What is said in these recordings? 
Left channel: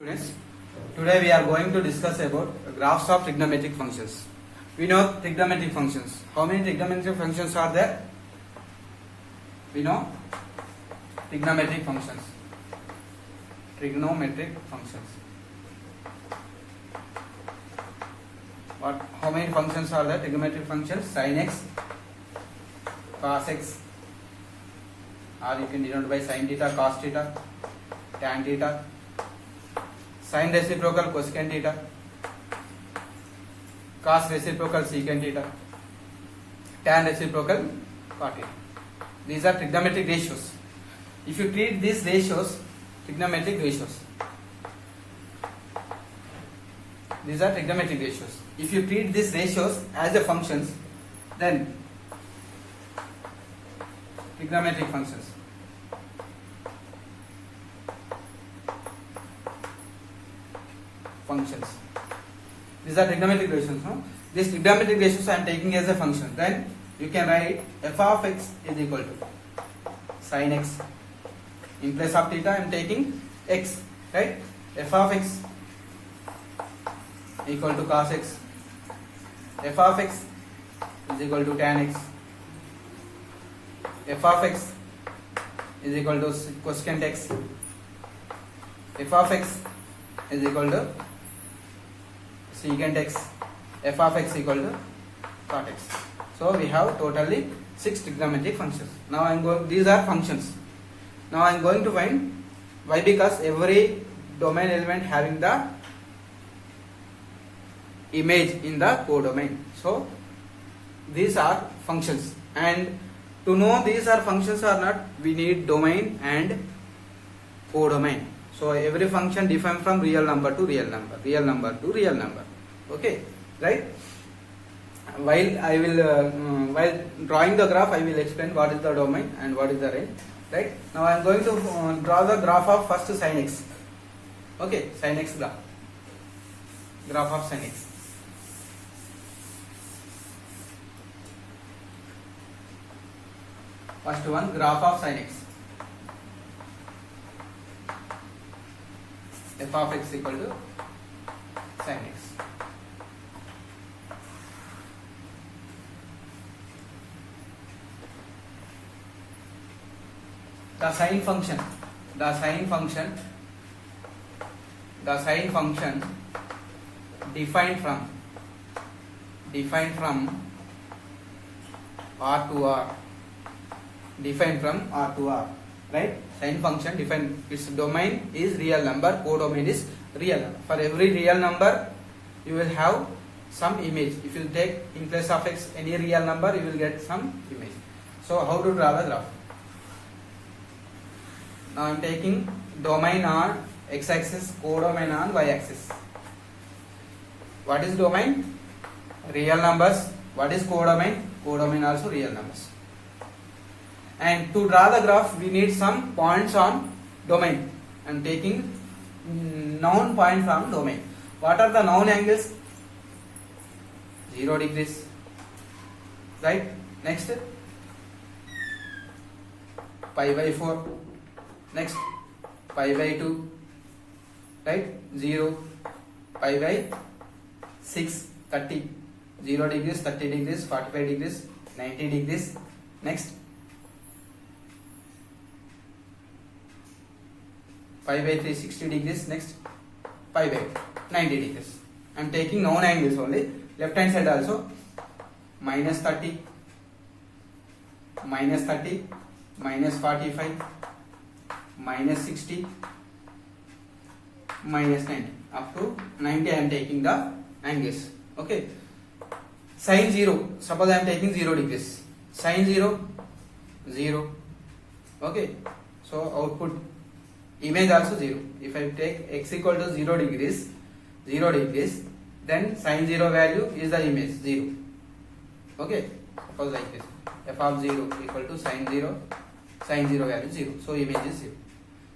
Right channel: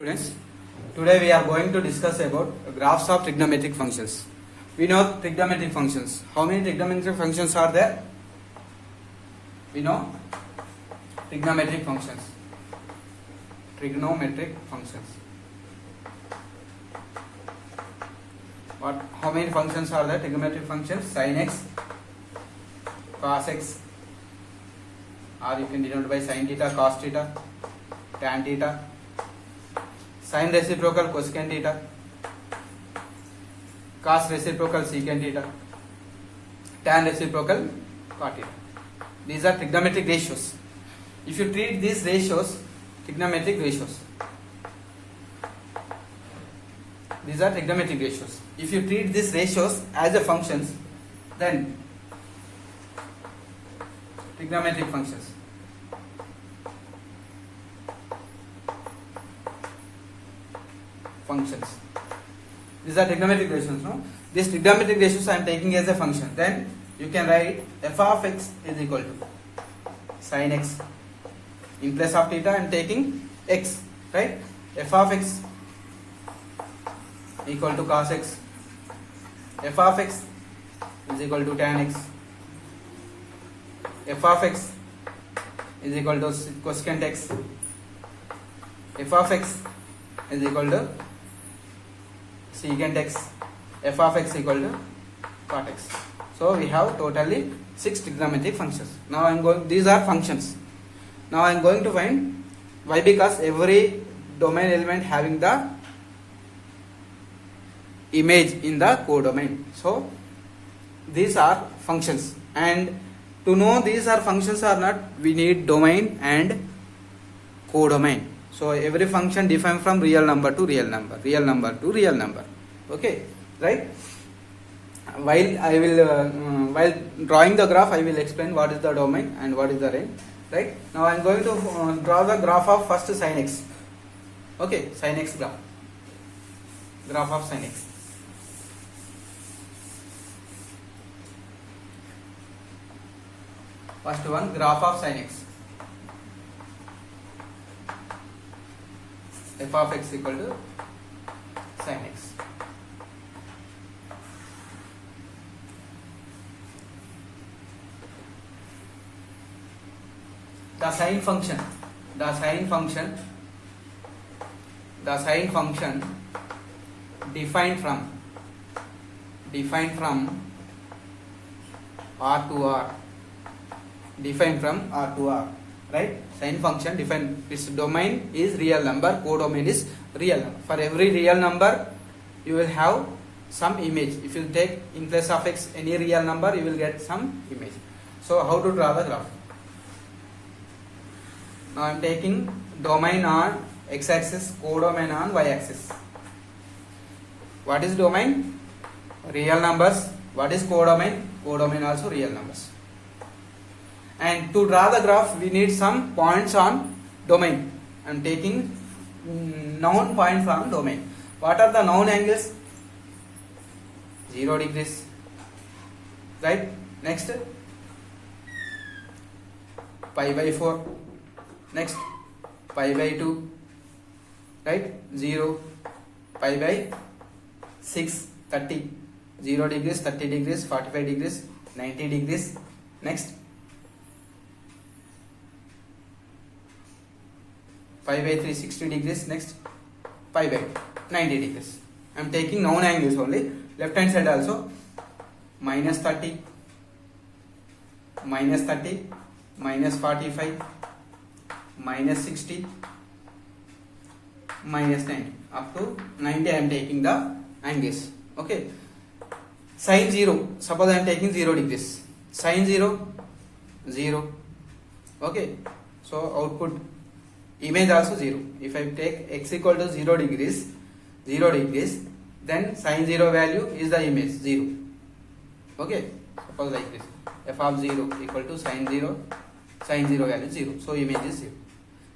Students, today we are going to discuss about graphs of trigonometric functions. We know trigonometric functions. How many trigonometric functions are there? We know trigonometric functions. Trigonometric functions. How many functions are there? Trigonometric functions: sin x, cos x, or you can denote by sin theta, cos theta, tan theta. Sin reciprocal cosecant theta, cos reciprocal secant theta, tan reciprocal cot theta. These are trigonometric ratios. If you treat these ratios, trigonometric ratios. These are trigonometric ratios. If you treat these ratios as a functions, then trigonometric functions. These are trigonometric ratios. No? These trigonometric ratios I am taking as a function. Then you can write f of x is equal to sin x. In place of theta I am taking x. Right? F of x equal to cos x. F of x is equal to tan x. F of x is equal to cosecant x. F of x is equal to secant x. F of x equal to cot x. So we have totally 6 trigonometric functions. Now these are functions. Now I am going to find why, because every domain element having the image in the codomain. So these are functions, and to know these are functions or not, we need domain and codomain. So every function different from real number to real number, real number to real number. Okay, right? While drawing the graph, I will explain what is the domain and what is the range. Right? Now I am going to draw the graph of first sin x. Okay, sin x graph. Graph of sin x. First one, graph of sin x. F of x equal to sin x. The sine function defined from R to R, right? Sine function defined, its domain is real number, codomain is real number. For every real number you will have some image. If you take in place of x any real number, you will get some image. So how to draw the graph? Now I am taking domain on x-axis, codomain on y-axis. What is domain? Real numbers. What is codomain? Codomain also real numbers. And to draw the graph, we need some points on domain. I am taking known points on domain. What are the known angles? 0 degrees. Right? Next, pi by 4. Next, pi by 2. Right? 0. Pi by 6. 30. 0 degrees, 30 degrees, 45 degrees, 90 degrees. Next, pi by 3, 60 degrees. Next, pi by 90 degrees. I am taking known angles only. Left hand side also, minus 30, minus 30, minus 45, minus 60, minus 90. Up to 90 I am taking the angles. Okay. Sin 0, suppose I am taking 0 degrees. Sin 0, 0. Okay. So output image also 0. If I take x equal to 0 degrees, then sin 0 value is the image 0. Okay. Suppose like this. F of 0 equal to sin 0 value 0. So image is 0.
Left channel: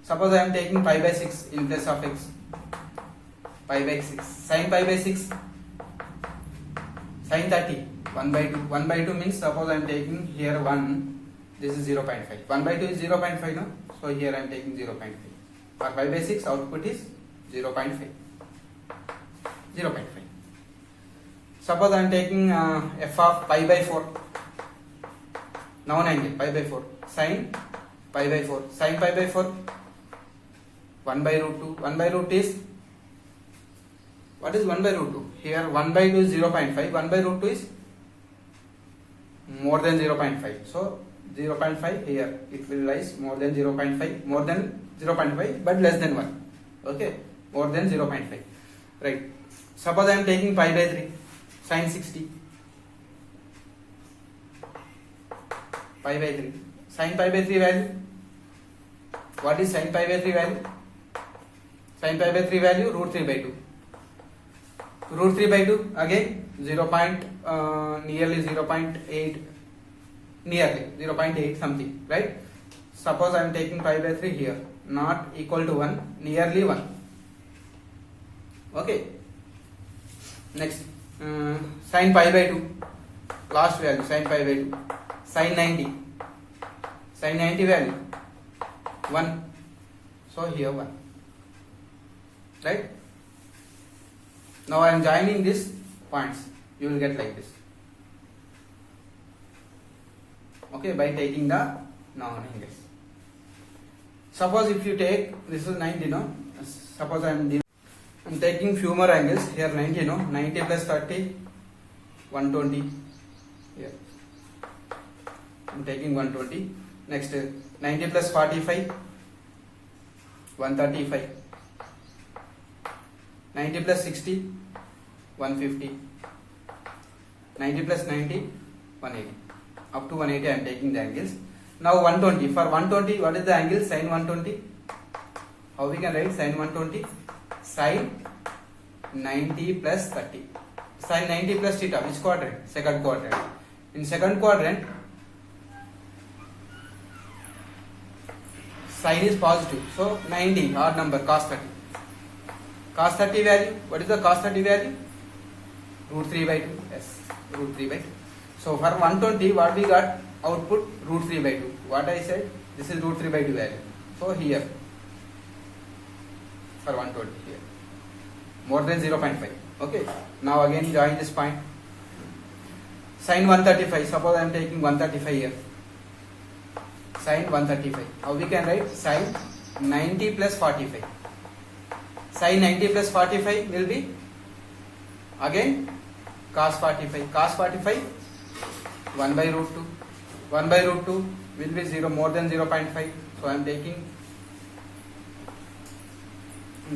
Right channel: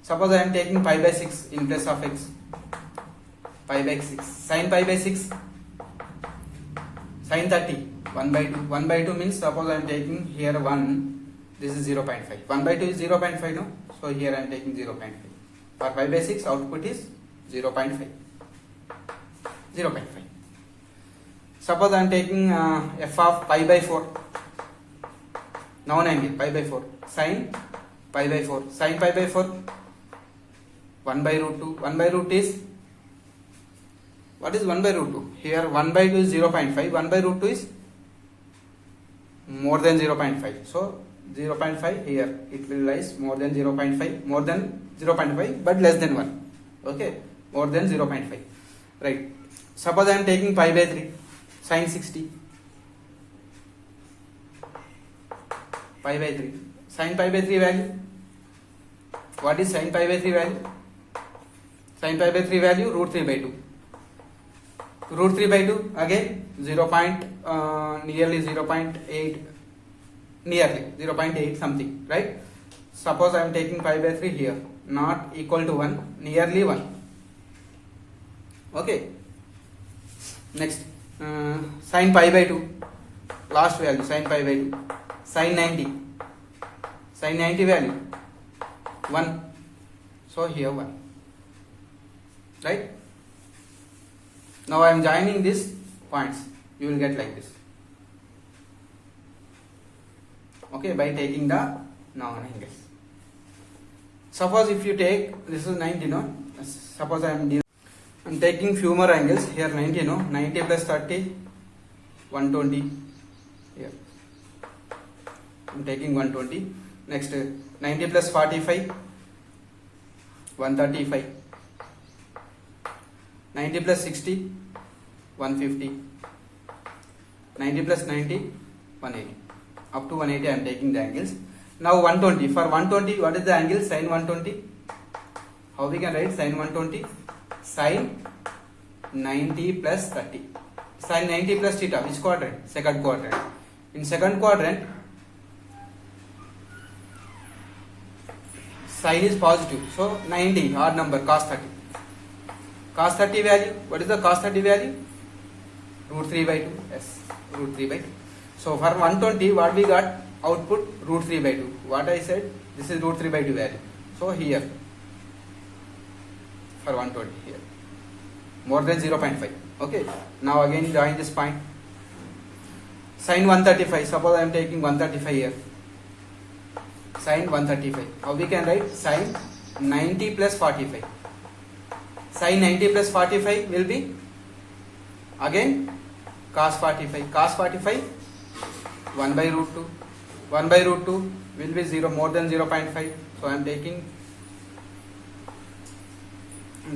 Suppose I am taking pi by 6 in place of x. Pi by 6. Sin pi by 6. Sin 30. 1 by 2. 1 by 2 means suppose I am taking here 1. This is 0.5. 1 by 2 is 0.5 no? So here I am taking 0.5. For 5 by 6 output is 0.5. 0.5. Suppose I am taking f of pi by 4. Known angle pi by 4. Sin pi by 4. Sin pi by 4. 1 by root 2. 1 by root is, what is 1 by root 2? Here 1 by 2 is 0.5. 1 by root 2 is more than 0.5. So 0.5 here it will rise more than 0.5, more than 0.5 but less than 1. Okay, more than 0.5. Right. Suppose I am taking pi by 3, sin 60. Pi by 3. Sin pi by 3 value. What is sin pi by 3 value? Sin pi by 3 value root 3 by 2. Root 3 by 2 again 0. Nearly 0.8, nearly 0.8 something, right? Suppose I am taking pi by 3 here, not equal to 1, nearly 1. Okay. Next, sin pi by 2, last value, sin pi by 2, sin 90, sin 90 value 1. So here 1, right? Now I am joining these points. You will get like this. Okay, by taking the known angles. Suppose if you take, this is 90, no? Suppose I am taking few more angles. Here 90, no? 90 plus 30, 120. Here I am taking 120. Next 90 plus 45, 135. 90 plus 60, 150. 90 plus 90, 180. Up to 180 I am taking the angles. Now 120. For 120, what is the angle? Sin 120. How we can write sin 120? Sin 90 plus 30. Sin 90 plus theta. Which quadrant? Second quadrant. In second quadrant, sin is positive. So 90, odd number, cos 30. Cos 30 value. What is the cos 30 value? Root 3 by 2. Yes, root 3 by 2. So for 120, what we got? Output root 3 by 2. What I said? This is root 3 by 2 value. So here, for 120 here, more than 0.5. Okay. Now again join this point. Sin 135. Suppose I am taking 135 here. Sin 135. How we can write? Sin 90 plus 45. Sin 90 plus 45 will be again cos 45. Cos 45, 1 by root 2. 1 by root 2 will be 0 more than 0.5. So I am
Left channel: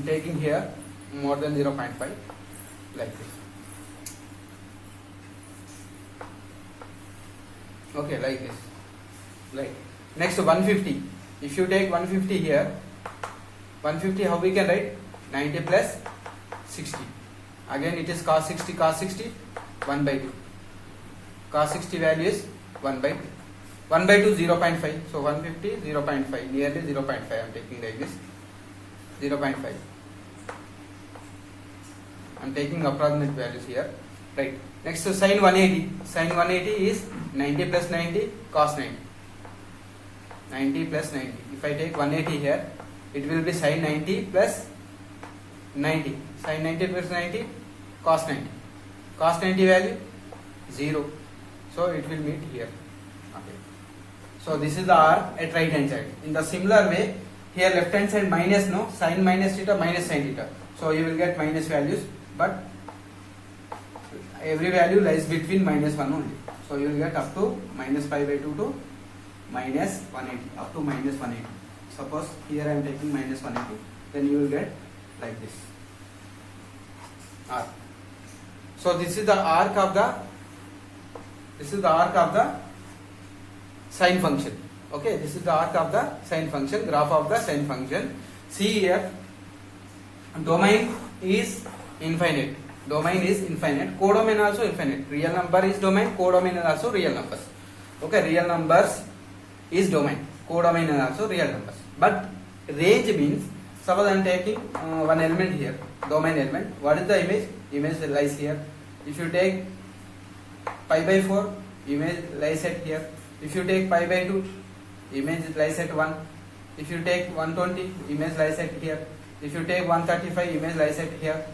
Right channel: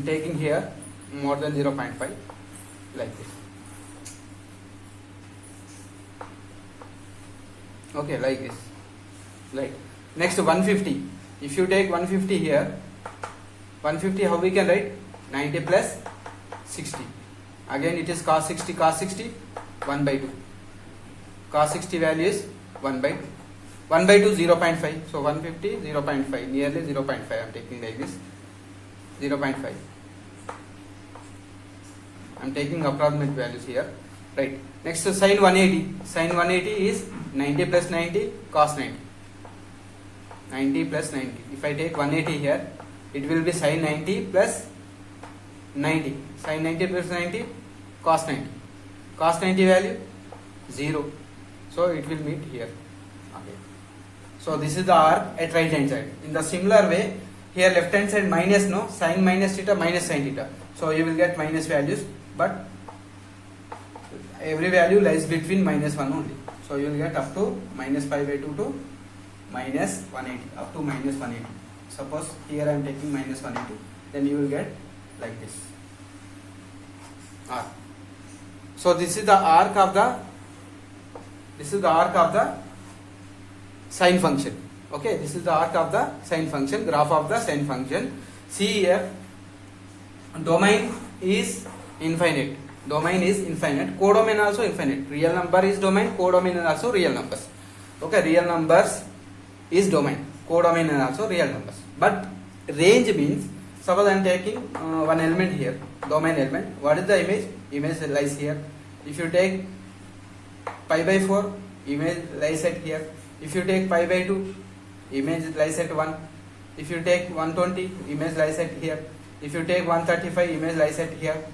taking here more than 0.5 like this. Okay, like this. Right. Next 150. If you take 150 here, 150 how we can write? 90 plus 60. Again it is cos 60, 1 by 2. Cos 60 value is 1 by 2. 1 by 2 0.5. So 150 0.5, nearly 0.5 I am taking like this. 0.5. I am taking approximate values here. Right. Next to sin 180. Sin 180 is 90 plus 90 cos 90. 90 plus 90. If I take 180 here, it will be sin 90 plus 90. Sin 90 plus 90 cos 90. Cos 90 value 0. So it will meet here. Okay. So this is the R at right hand side. In the similar way, here left hand side minus, no, sin minus theta minus sin theta. So you will get minus values, but every value lies between minus 1 only. So you will get up to minus pi by 2 to minus 180, up to minus 180. Suppose here I am taking minus 180, then you will get like this R. So this is the arc of the sine function. Okay, this is the arc of the sine function, graph of the sine function. See here, domain is infinite. Domain is infinite. Codomain also infinite. Real number is domain. Codomain is also real numbers. Okay, real numbers is domain. Codomain is also real numbers. But range means, suppose I am taking one element here, domain element. What is the image? Image lies here. If you take pi by 4, image lies at here. If you take pi by 2, image lies at 1. If you take 120, image lies at here. If you take 135, image lies at here,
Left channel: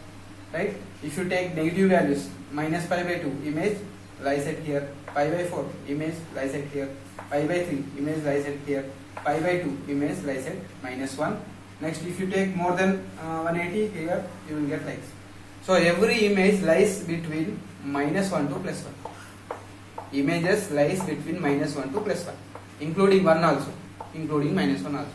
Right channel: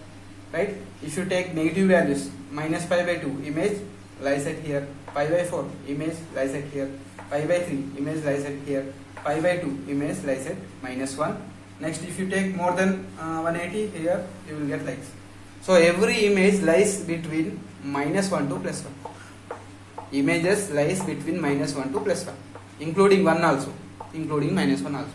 right? If you take negative values, minus pi by 2, image lies at here. Pi by 4, image lies at here. Pi by 3, image lies at here. Pi by 2, image lies at minus 1. Next, if you take more than 180, here you will get like this. So every image lies between minus 1 to plus 1. Images lies between minus 1 to plus 1, including 1 also, including minus 1 also.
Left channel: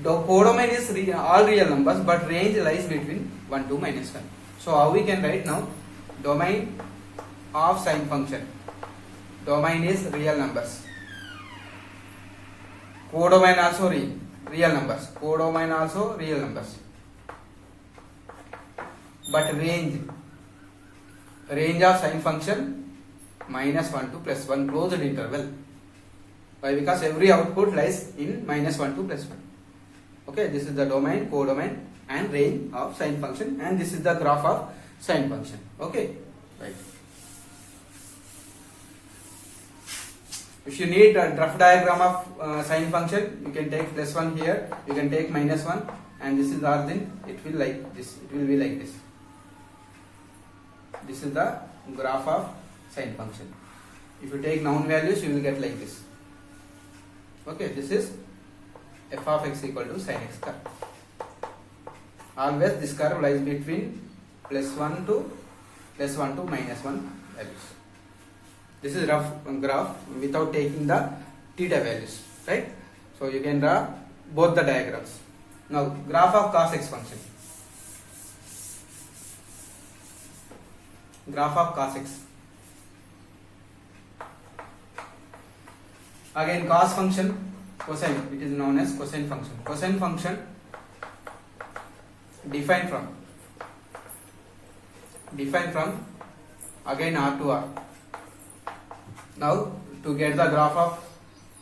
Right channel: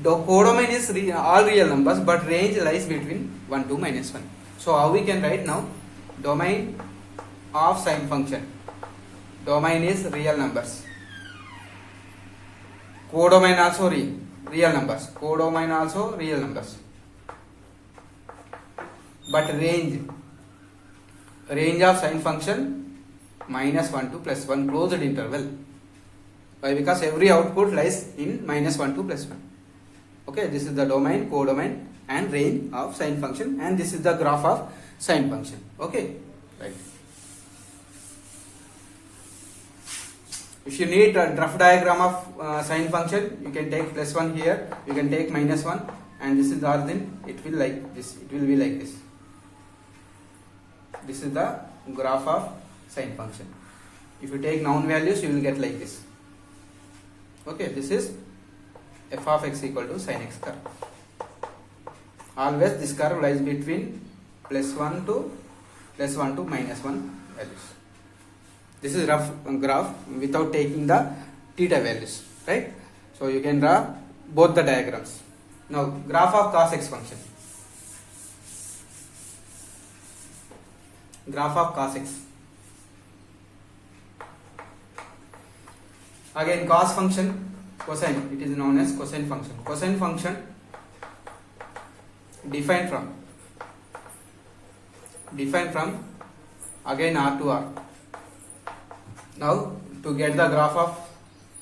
The codomain is all real numbers, but range lies between 1 to minus 1. So how we can write now? Domain of sine function. Domain is real numbers. Codomain also real numbers. Codomain also real numbers. But range of sine function minus 1 to plus 1 closed interval. Why? Because every output lies in minus 1 to plus 1. Okay, this is the domain, codomain and range of sine function, and this is the graph of sine function. Okay, right. If you need a rough diagram of sine function, you can take plus 1 here, you can take minus 1, and this is the origin. It will like this. It will be like this. This is the graph of sine function. If you take known values, you will get like this. Okay, this is f of x equal to sin x curve. Always this curve lies between plus 1 to minus 1 values. This is rough graph without taking the theta values, right? So you can draw both the diagrams. Now graph of cos x function. Graph of cos x. Again cos function, cosine, it is known as cosine function. Cosine function defined from again R to R. Now to get the graph of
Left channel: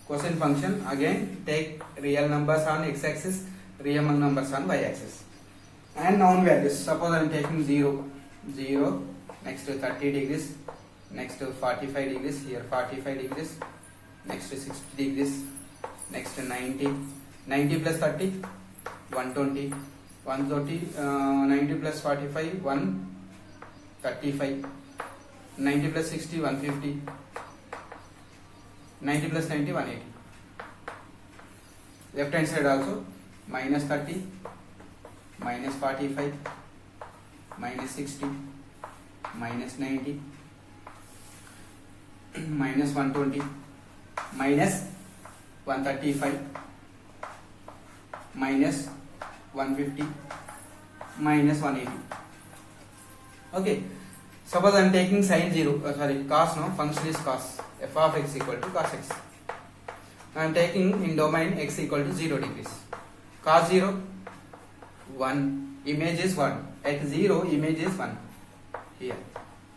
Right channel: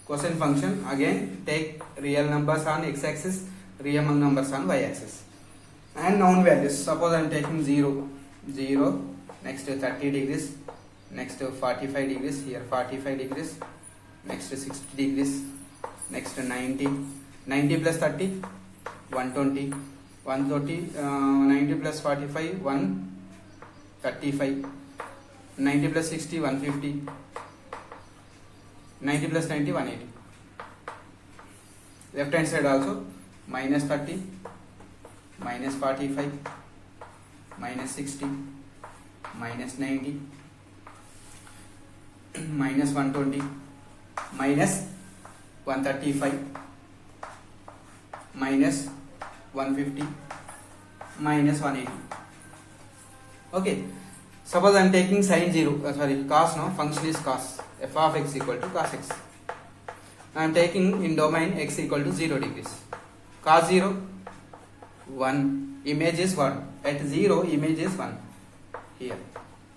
cosine function, again take real numbers on x axis, real numbers on y axis, and known values. Suppose I am taking 0, next to 30 degrees, next to 45 degrees, here 45 degrees, next to 60 degrees, next to 90 plus 30, 120, 90 plus 45, 135, 90 plus 60, 150, 90 plus 90, 180. Left hand side also, minus 30, minus 45, minus 60, minus 90, minus 120, minus 135, minus 150, minus 180. Okay, suppose I am taking sin 0, cos now, function is cos, f of x equal to cos x. I am taking in domain x equal to 0 degrees. Cos 0, 1, image is 1. At 0, image is 1. Here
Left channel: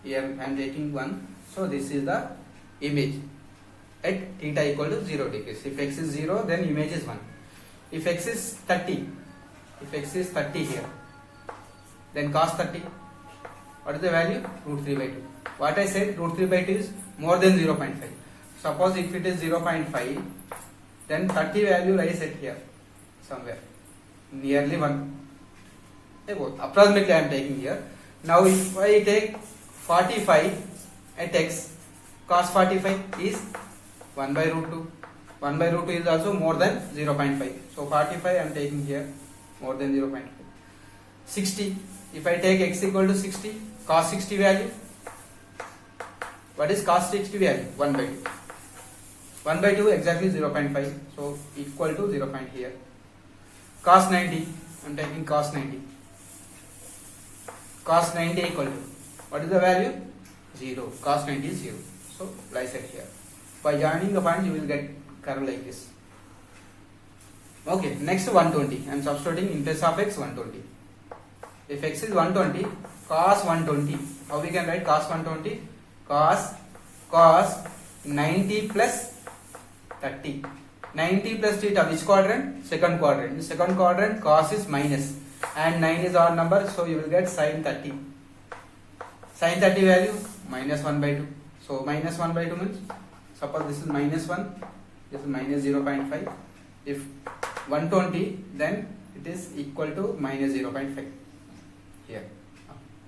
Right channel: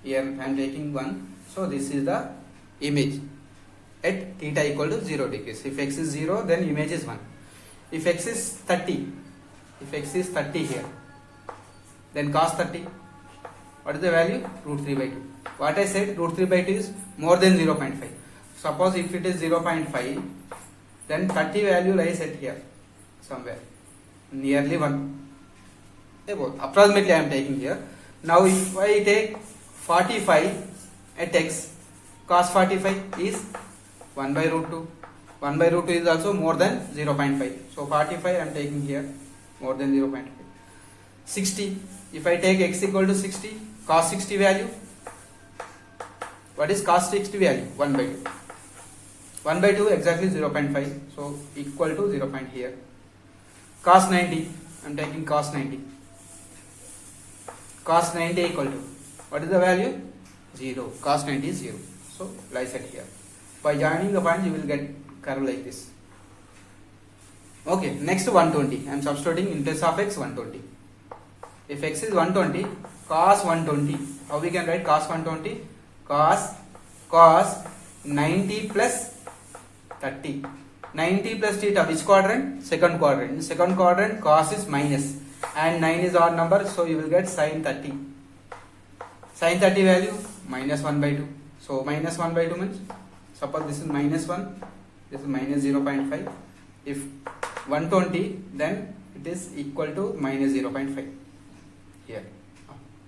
I am taking 1. So this is the image at theta equal to 0 degrees. If x is 0, then image is 1. If x is 30, here, then cos 30, what is the value? Root 3 by 2. What I said, root 3 by 2 is more than 0.5. Suppose if it is 0.5, then 30 value lies at here, somewhere, nearly 1. Approximately I am taking here. Now if I take 45 at x, cos 45 is 1 by root 2. 1 by root 2 is also more than 0.5. So 45 I am taking here, more than 0.5. 60, if I take x equal to 60, cos 60 value, what is cos 60 value? 1 by 2. 1 by 2 exactly 0.5, so equal to 0. Here. Cos 90, I am taking cos 90. Cos 90 equal to, what is the value? 0. Cos 90 is 0. So lies at here. By joining the point, you will get curve like this. Okay, next 120. I am substituting in place of x 120. If x is 120, cos 120. How we can write cos 120? Cos 90 plus 30. 90 plus theta, which quadrant? Second quadrant. In second quadrant, cos is minus and 9 is odd number, so you will get sin 30. Sin 30 value minus 1 by 2. So minus 1 by 2 means, suppose this is minus 1, this is minus 0.5. If 120, then it is equal to minus 0.5 here,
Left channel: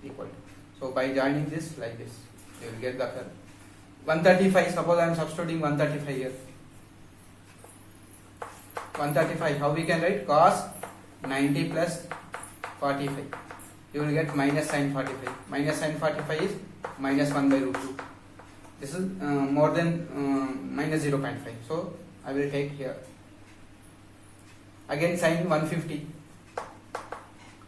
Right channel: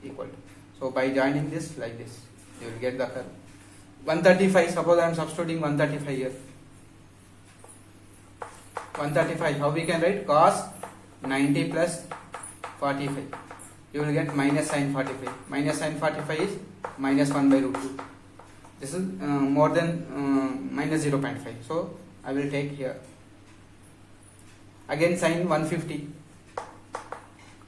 equal to. So by joining this like this, you will get the curve. 135, suppose I am substituting 135 here. 135, how we can write? Cos 90 plus 45. You will get minus sin 45. Minus sin 45 is minus 1 by root 2. This is more than minus 0.5. So I will take here. Again sin 150.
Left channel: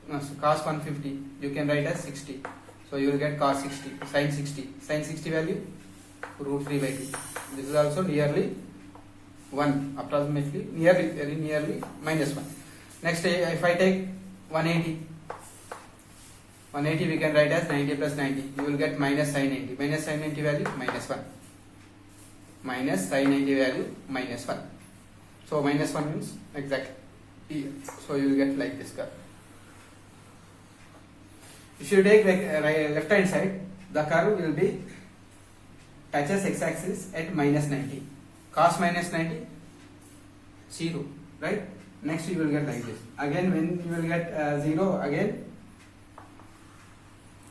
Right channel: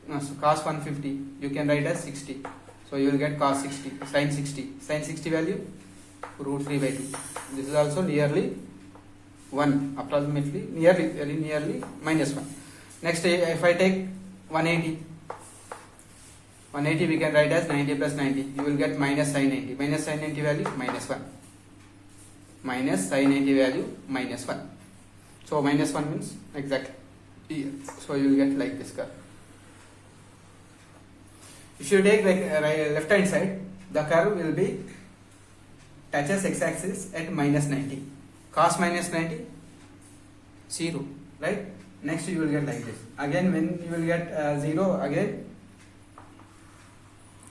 So cos 150. You can write as 60. So you will get cos 60. Sin 60. Sin 60 value? Root 3 by 2. This is also nearly 1. Approximately, nearly, very nearly minus 1. Next, if I take 180. 180 we can write as 90 plus 90. You will get minus sin 90. Minus sin 90 value minus 1. Minus sin 90 value minus 1. So minus 1 means exactly here. So you will get like this curve. If you take left hand side, the curve will be touches x-axis at minus 90. Cos minus 90, 0, right? Next you will get like this. Again when you will get 0, again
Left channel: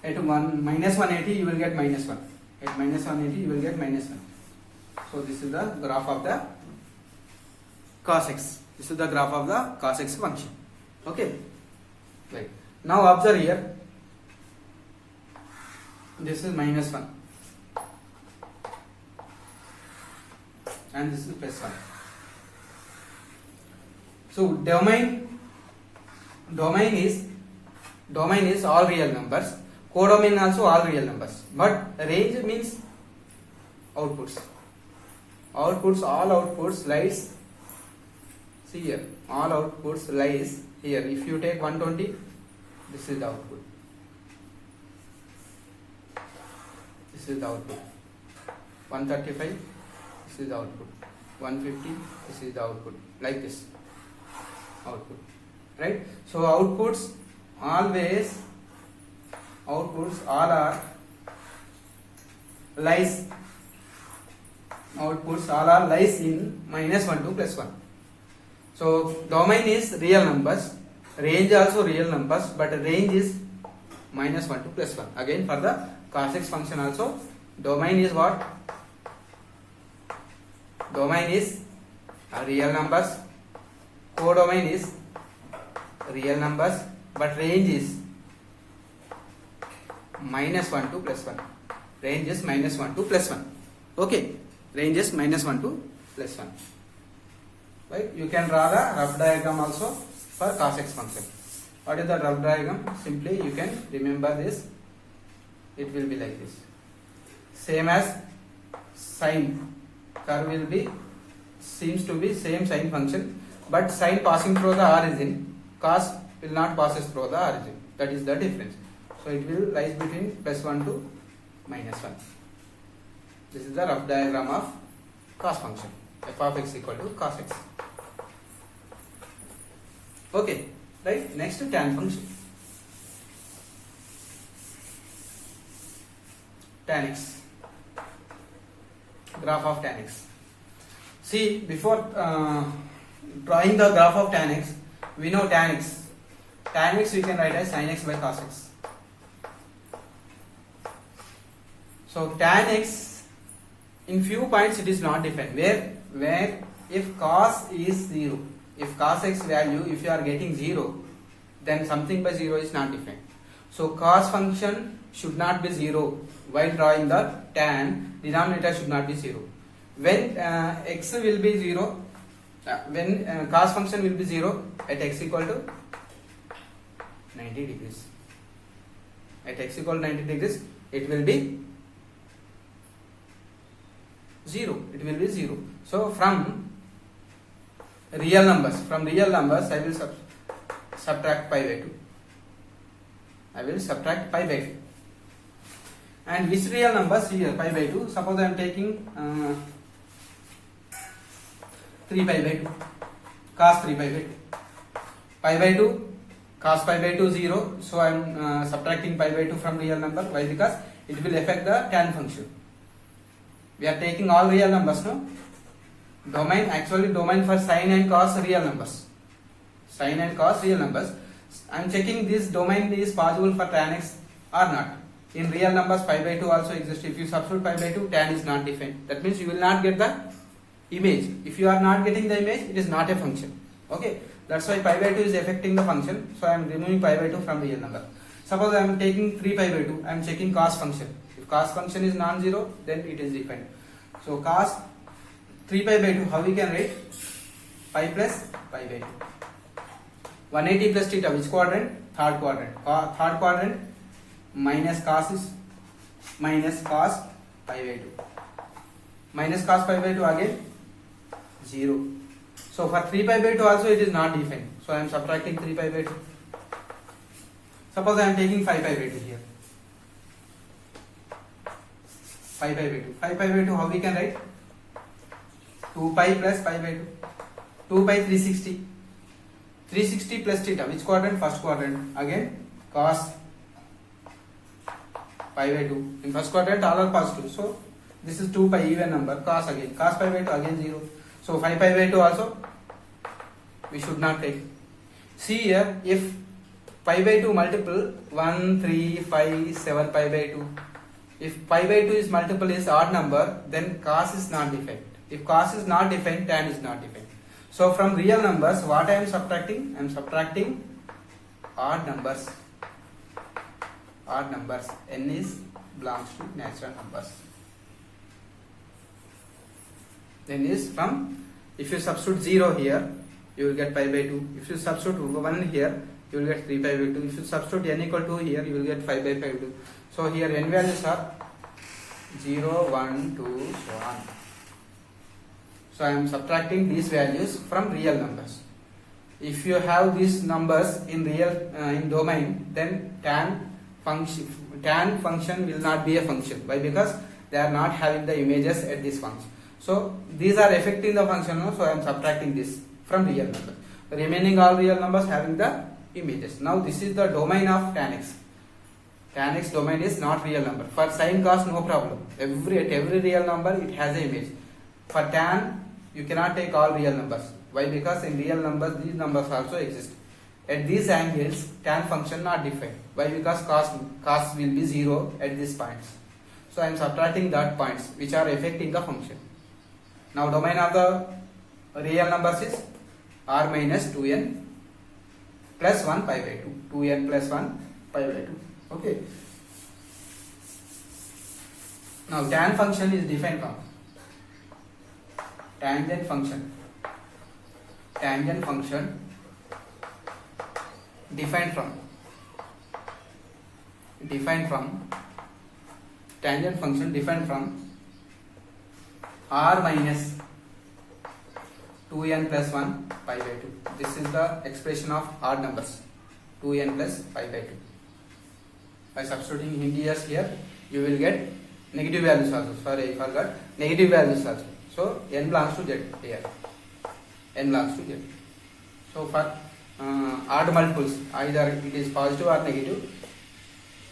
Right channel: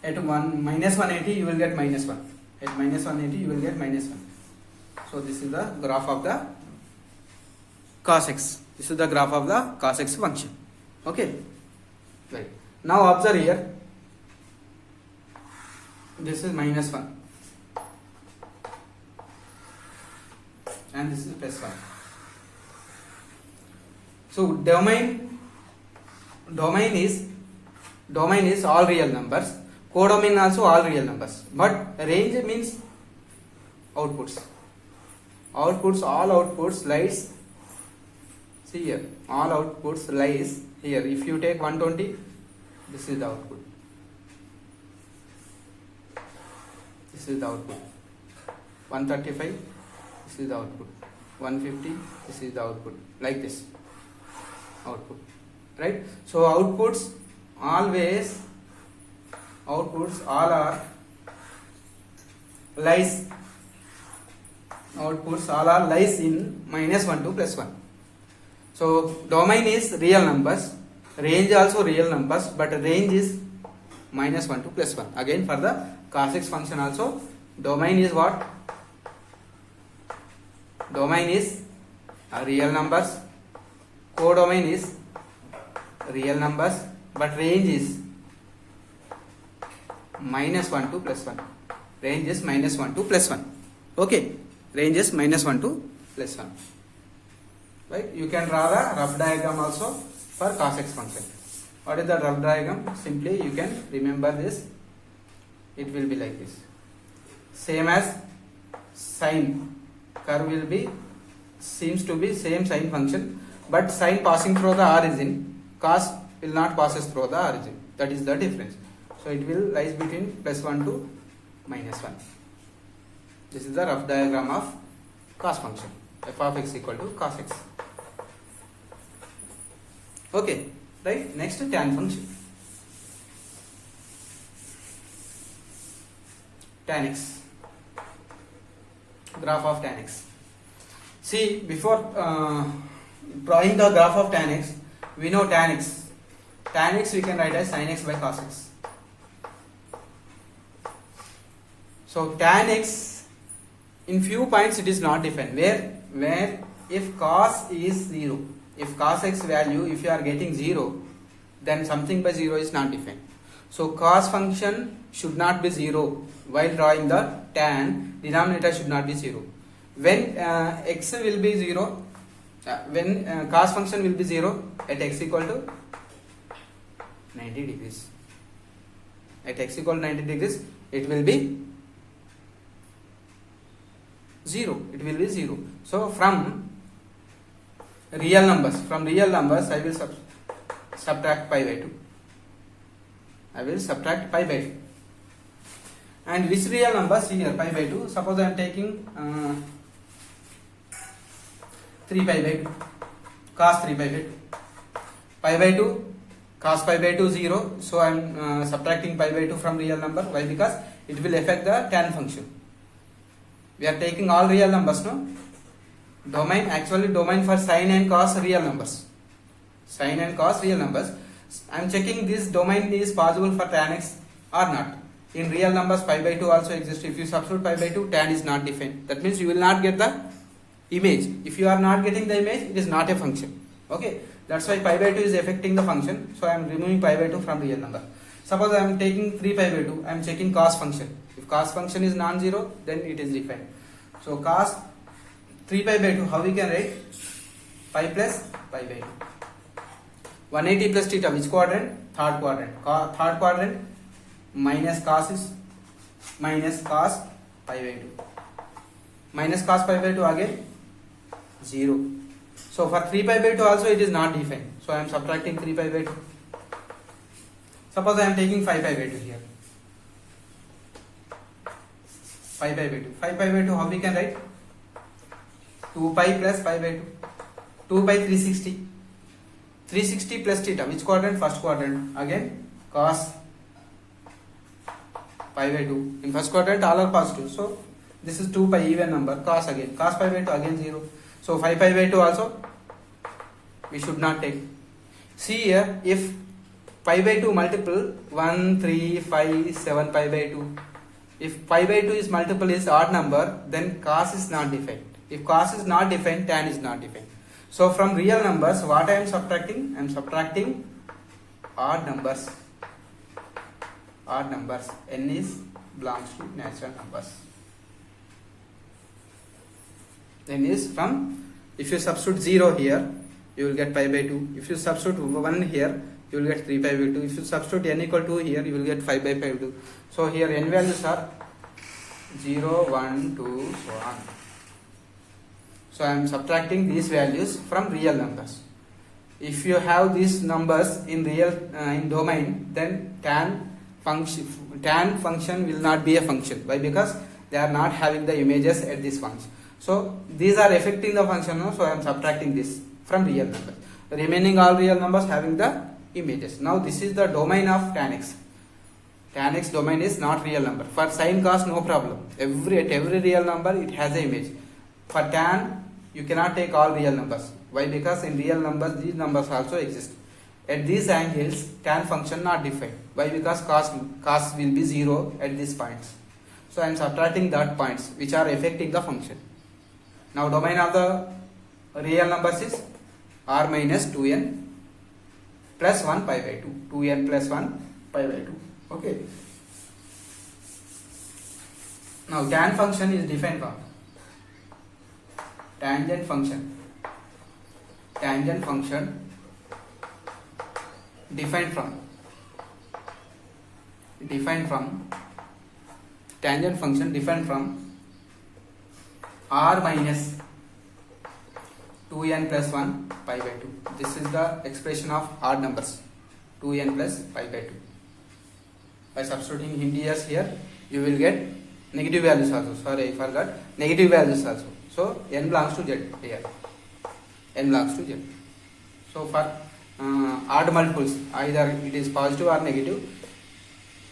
at minus 180 you will get minus 1. At minus 180 you will get minus 1. So this is the graph of the cos x. This is the graph of the cos x function. Okay. Right. Now observe here. This is minus 1. And this is plus 1. So domain is all real numbers. Codomain also all real numbers. But range means outputs. All outputs lies. See here, all outputs lies here. If you take 120, this is the output. This is the output. 135, this is the output. 150, this is the output. Like this. Output. Right? So outputs all are lies. Outputs all are lies in minus 1 to plus 1. So domain is real numbers, range also real numbers, but range is minus 1 to plus 1. Again for the cos x function also, domain is what? Domain is real numbers, codomain is real numbers, but range is minus 1 to plus 1. Range is minus 1 to plus 1. Okay, range is minus 1 to plus 1. Right? You can draw the rough diagram also for cos x function. What is the rough diagram? Simply you can remember this. It will be like this. Same as sine curve will be, seems to be same sine function, but sine passing through the origin, cos will not passes through the origin. That is the difference. So it will lies between plus 1 to minus 1. This is the rough diagram of cos function. F of x equal to cos x. Okay, right? Next tan function. Tan x. Graph of tan x. See, before drawing the graph of tan x, we know tan x. Tan x we can write as sin x by cos x. So tan x, in few points it is not defined. Where if cos is 0, if cos x value, if you are getting 0, then something by 0 is not defined. So cos function should not be 0 while drawing the tan, denominator should not be 0. When x will be 0, when cos function will be 0 at x equal to 90 degrees. At x equal to 90 degrees, it will be 0. It will be 0. So from real numbers, I will subtract pi by 2. I will subtract pi by 2. And which real numbers here? Pi by 2. Suppose I am taking 3 pi by 2. Cos 3 pi by 2. Pi by 2. Cos pi by 2 0. So I am subtracting pi by 2 from real number. Why? Because it will affect the tan function. We are taking all real numbers, no? Domain, actually domain for sine and cos real numbers. Sin and cos real numbers. I am checking this domain is possible for tan x or not. In real numbers pi by 2 also exists. If you substitute pi by 2, tan is not defined. That means you will not get the image. If you are not getting the image, it is not a function. Okay, that's why pi by 2 is affecting the function. So I am removing pi by 2 from real number. Suppose I am taking 3 pi by 2, I am checking cos function. If cos function is non-zero, then it is defined. So cos 3 pi by 2, how we can write? Pi plus pi by 2. 180 plus theta, which quadrant? Third quadrant. Third quadrant, minus cos is minus cos pi by 2. Minus cos pi by 2 again 0. So for 3 pi by 2 also it is not defined. So I am subtracting 3 pi by 2. Suppose I am taking 5 pi by 2 here. 5 pi by 2. 5 pi by 2 how we can write? 2 pi plus pi by 2. 2 pi 360. 360 plus theta. Which quadrant? First quadrant. Again cos pi by 2. In first quadrant all are positive. So this is 2 pi even number. Cos again. Cos pi by 2 again 0. So 5 pi by 2 also we should not take. See here, if pi by 2 multiple 1, 3, 5, 7 pi by 2. If pi by 2 is multiple is odd number, then cos is not defined. If cos is not defined, tan is not defined. So from real numbers, what I am subtracting? I am subtracting odd numbers. Odd numbers. N is belongs to natural numbers. N is from, if you substitute 0 here, you will get pi by 2. If you substitute 1 here, you will get 3 pi by 2. If you substitute n equal to here, you will get 5 by 2. So here n values are 0, 1, 2, so on. So I am subtracting these values from real numbers. If you have these numbers in real in domain, then tan function will not be a function. Why? Because they are not having the images at this function. So these are affecting the function. So I am subtracting this from real number. The remaining all real numbers having the images. Now this is the domain of tan x. Tan x domain is not real number. For sin cos no problem. At every real number it has an image. For tan you cannot take all real numbers. Why? Because in real numbers these numbers also exist. At these angles tan function not defined. Why? Because cos will be 0 at these points. So I am subtracting that points which are affecting the function. Now domain of the real numbers is r minus 2n plus 1 pi by 2. 2n plus 1 pi by 2. Okay. Now tan function is defined from tangent function. Tangent function defined from tangent function defined from r minus 2n plus 1 pi by 2. This is the expression of odd numbers. 2n plus pi by 2. By substituting integers here, you will get negative values also. Sorry, I forgot. Negative values also. So n belongs to z here. N belongs to z. So for odd multiples, either it is positive or negative,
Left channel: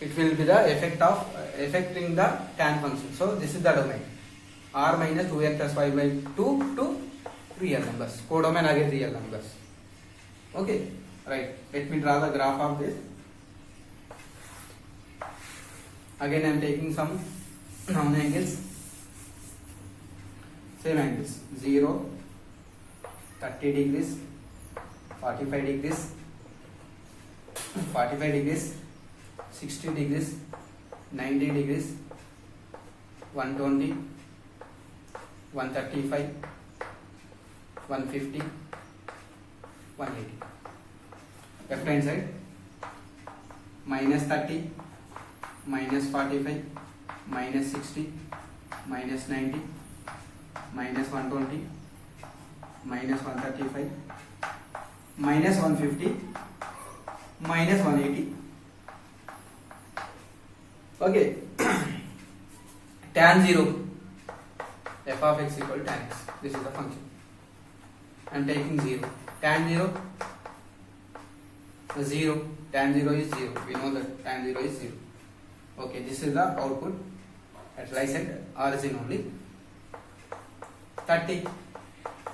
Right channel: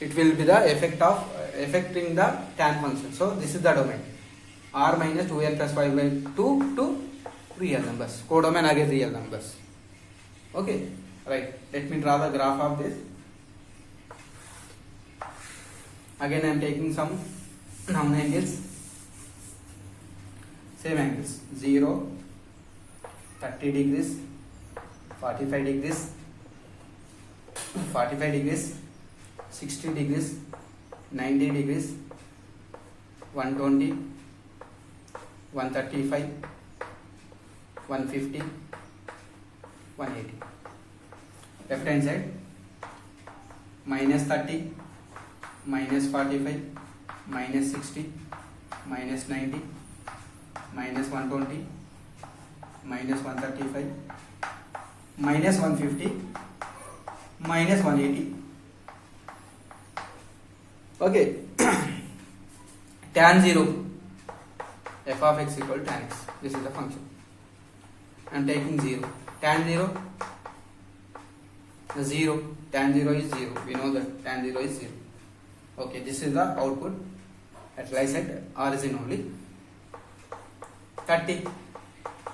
it will be the effect of affecting the tan function. So this is the domain. R minus 2n plus 5 by 2 to real numbers. Codomain again real numbers. Okay, right. Let me draw the graph of this. Again I am taking some known angles. Same angles. 0, 30 degrees, 45 degrees, 45 degrees, 60 degrees, 90 degrees, 120, 135, 150, 180. Left hand side, minus 30, minus 45, minus 60, minus 90, minus 120, minus 135, minus 150, minus 180. Okay. Tan 0, f of x equal to tan x. This is the function. I am taking 0. Tan 0, 0. Tan 0 is 0. We know that tan 0 is 0. Okay, this is the output. As I said, origin only. 30.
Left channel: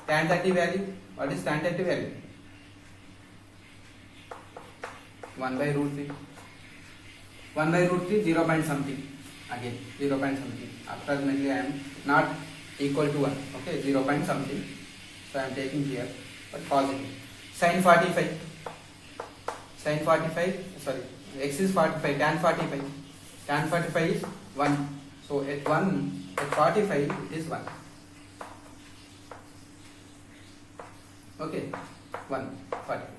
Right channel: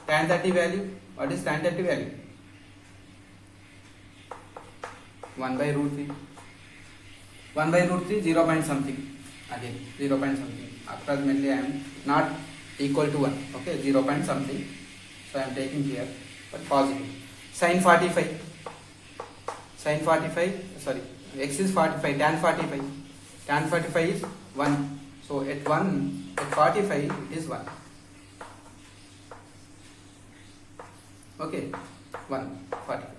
Tan 30 value. What is tan 30 value? 1 by root 3. 1 by root 3, 0 point something. Again, 0 point something. Approximately I am not equal to 1. Okay, 0 point something. So I am taking here, but positive. Sin 45. Sin 45, sorry, x is 45, tan 45. Tan 45 is 1. So at 45 it is 1. Okay, 1, 45.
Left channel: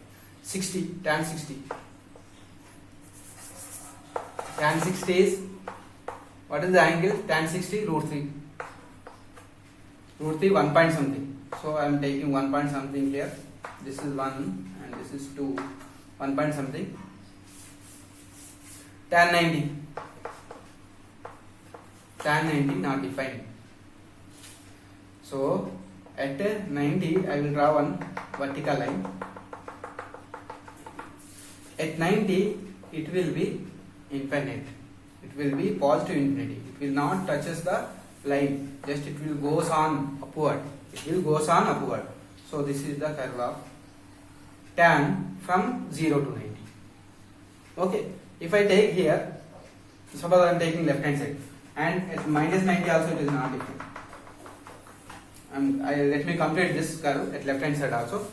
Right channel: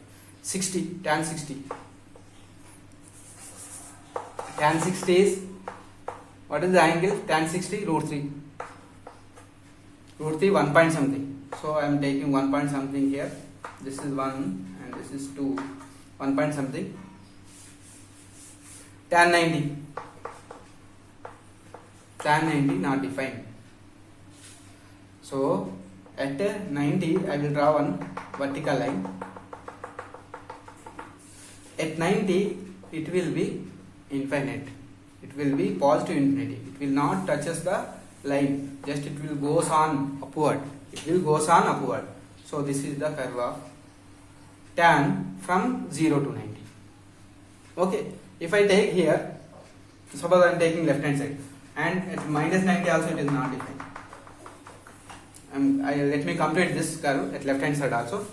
60, tan 60. Tan 60 is, what is the angle? Tan 60, root 3. Root 3, 1 point something. So I am taking 1 point something here. This is 1 and this is 2. 1 point something. Tan 90. Tan 90 not defined. So at 90 I will draw one vertical line. At 90 it will be infinite. It will be positive infinity. It will not touches the line. Just it will goes on upward. It will goes on upward. So this is the curve of tan from 0 to 90. Okay. If I take here, suppose I am taking left hand side, and at minus 90 also it is not defined. Let me complete this curve at left hand side also.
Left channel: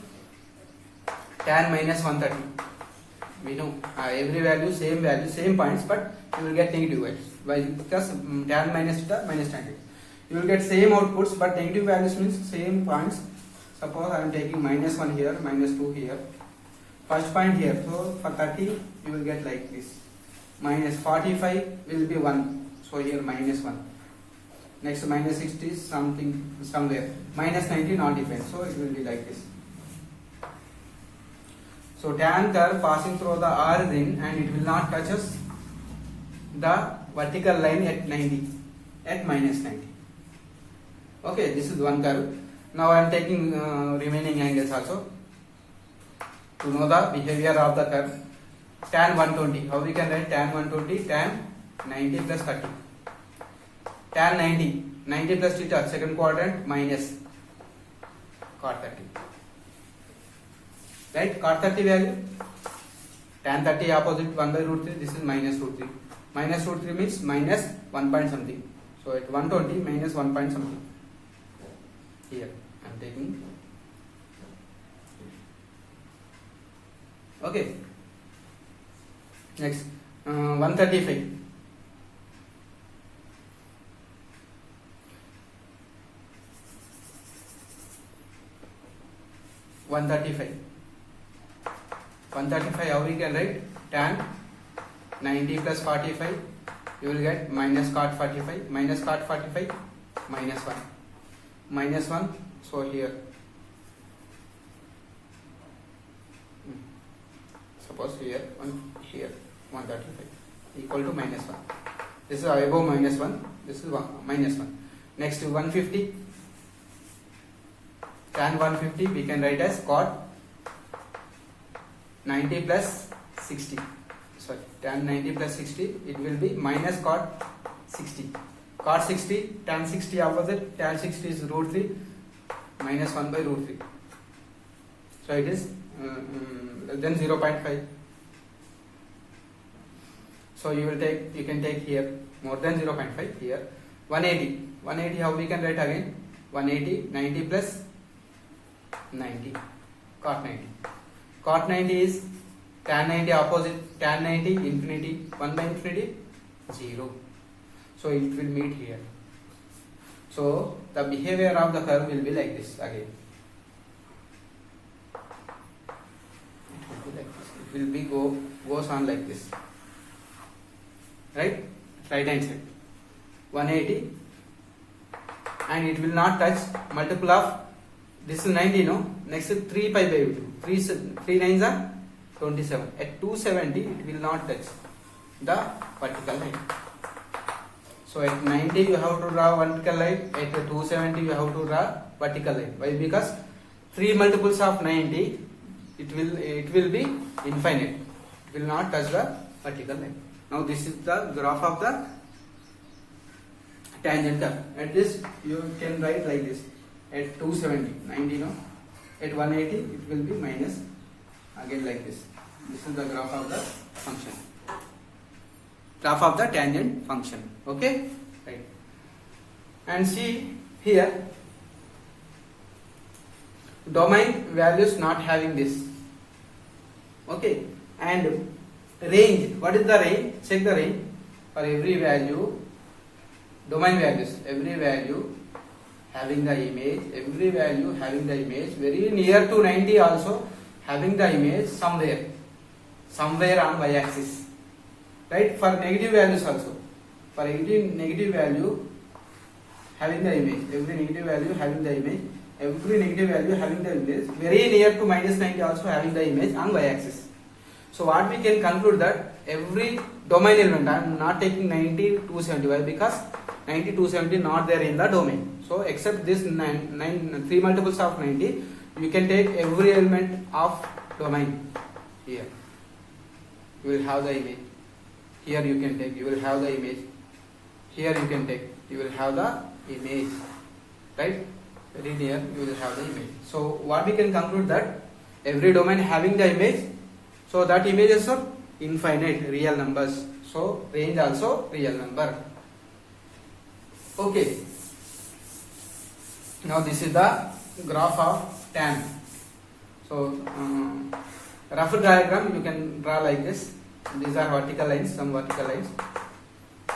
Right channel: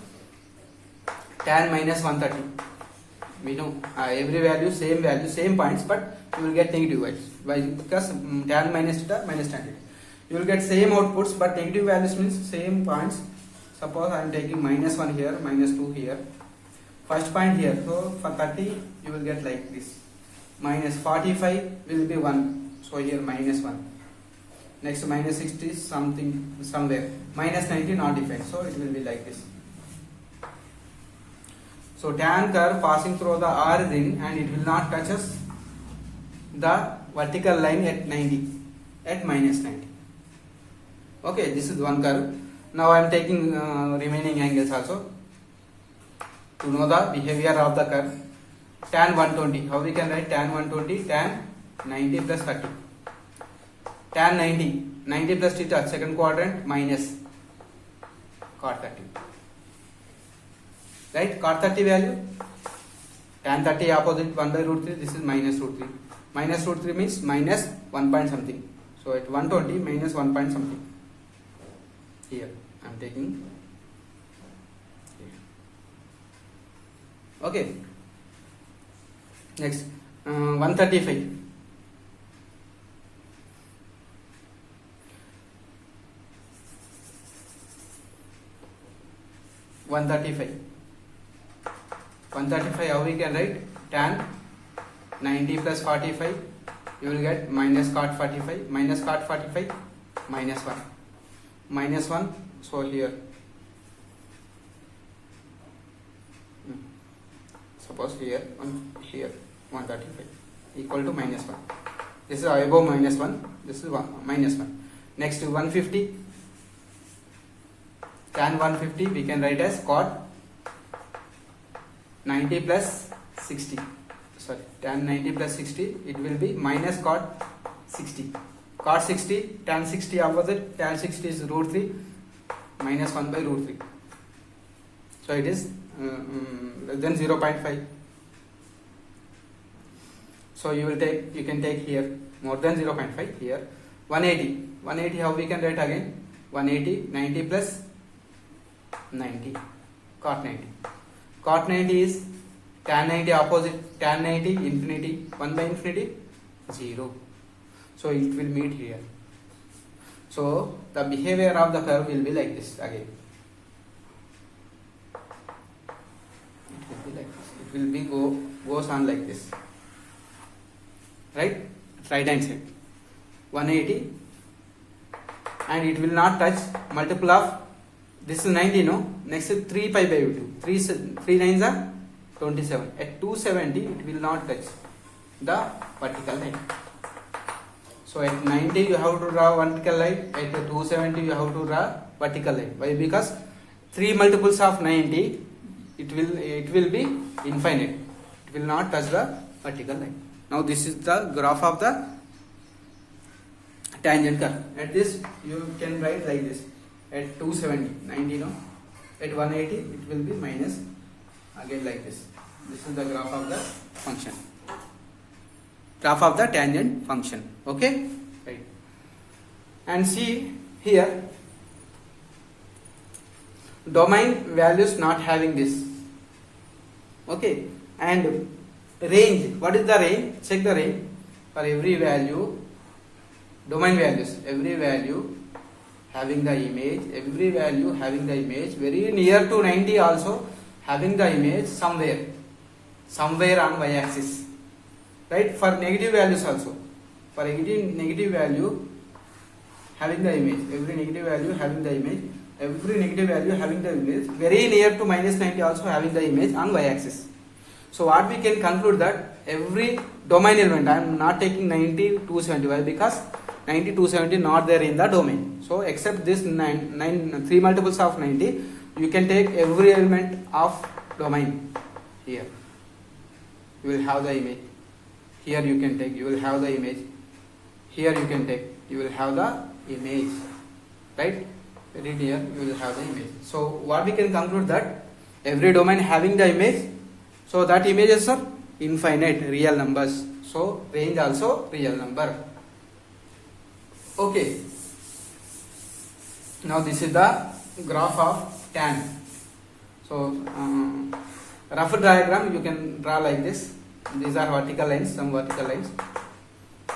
Tan minus 130. We know every value, same points, but you will get negative values. Why? Because tan minus theta minus tan theta. You will get same outputs, but negative values means same points. Suppose I am taking minus 1 here, minus 2 here. First point here, so for 30 you will get like this. Minus 45 will be 1, so here minus 1. Next minus 60 is something somewhere. Minus 90 not defined, so it will be like this. So tan curve passing through the origin and it will not touch us the vertical line at 90, at minus 90. Okay, this is one curve. Now I am taking remaining angles also to know the behavior of the curve. Tan 120, how we can write tan 120? Tan 90 plus 30. Tan 90, 90 plus theta, second quadrant, minus cot 30. Right, cot 30 value, tan 30 opposite 1 by root 3, this is minus root 3. Minus root 3 means minus 1 point something. So at 120 minus 1 point something. Here I am taking. Okay. Next, 135. 135. 135, how we can write? Tan 90 plus 45, you will get minus cot 45, minus cot 45, minus 1. Minus 1, so here. Suppose here, 135 equal to minus 1. This is above minus 1, this is minus 1. Next to 150, tan 150 we can write as cot 90 plus 60. Sorry, tan 90 plus 60, it will be minus cot 60. Cot 60, tan 60 opposite, tan 60 is root 3, minus 1 by root 3. So it is less than 0.5. So you can take here more than 0.5 here. 180. 180, how we can write again? 180, 90 plus 90. Cot 90. Cot 90 is tan 90 opposite, tan 90 infinity, 1 by infinity 0. So it will meet here. So the behavior of the curve will be like this again. It will be like this. It will be goes on like this. Right? Right hand side. 180, and it will not touch multiple of this is 90, no? Next is 3 pi by 2. 3 lines are 27. At 270 it will not touch the vertical line. So at 90 you have to draw vertical line, at 270 you have to draw vertical line. Why? Because 3 multiples of 90 it will be infinite. It will not touch the vertical line. Now this is the graph of the tangent curve. At this you can write like this. At 270, 90, no? At 180 it will be minus again like this. This is the graph of the function. Graph of the tangent function. Okay, right. And see here, domain values not having this. Okay, and range. What is the range? Check the range for every value. Domain values, every value having the image, every value having the image, very near to 90 also having the image somewhere on y-axis, right? For negative values also, for negative value having the image, every negative value having the image, every negative value having the image, very near to minus 90 also having the image on y-axis. So what we can conclude that every domain element, I am not taking 90, 270, why? Because 90, 270 not there in the domain. So except this 3 multiples of 90, you can take every element of domain here. You will have the image. Here you can take, you will have the image. Here you can take, you will have the image. Right? Very near, you will have the image. So what we can conclude that every domain having the image, so that images are infinite real numbers. So range also real number. Okay. Now this is the graph of tan. So rough diagram you can draw like this. These are vertical lines, some vertical lines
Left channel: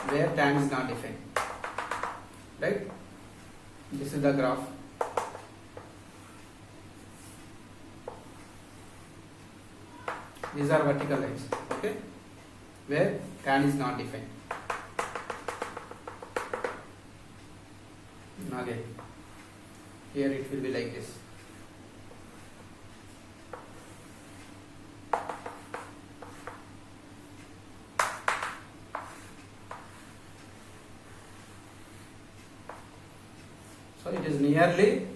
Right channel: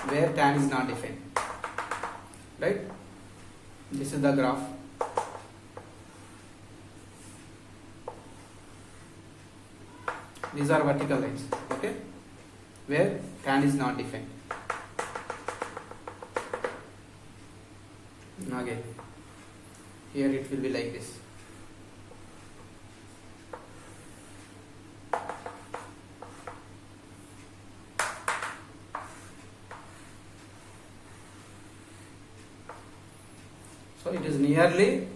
where tan is not defined. Right? This is the graph. These are vertical lines, okay, where tan is not defined. Now again, here it will be like this. So it is nearly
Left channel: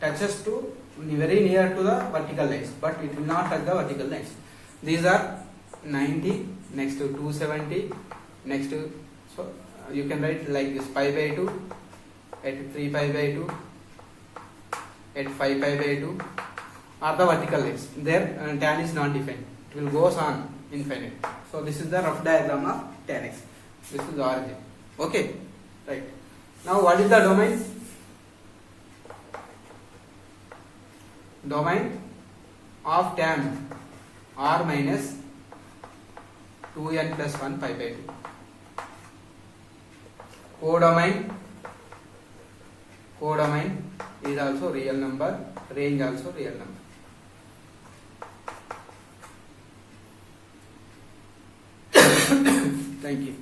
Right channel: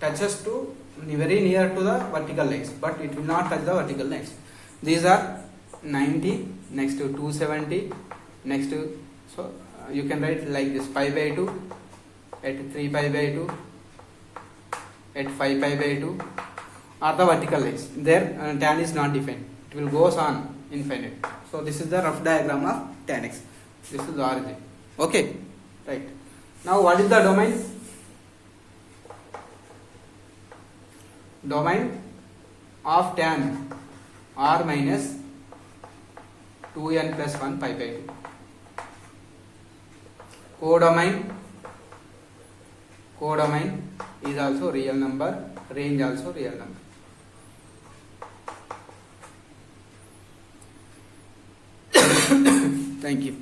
touches to very near to the vertical lines, but it will not touch the vertical lines. These are 90, next to 270, next to, so you can write like this, pi by 2, at 3 pi by 2, at 5 pi by 2 are the vertical lines. There tan is not defined. It will goes on infinite. So this is the rough diagram of tan x. This is the origin. Okay, right. Now what is the domain? Domain of tan r minus 2n plus 1 pi by 2. Codomain is also real number, range also real number. Thank you.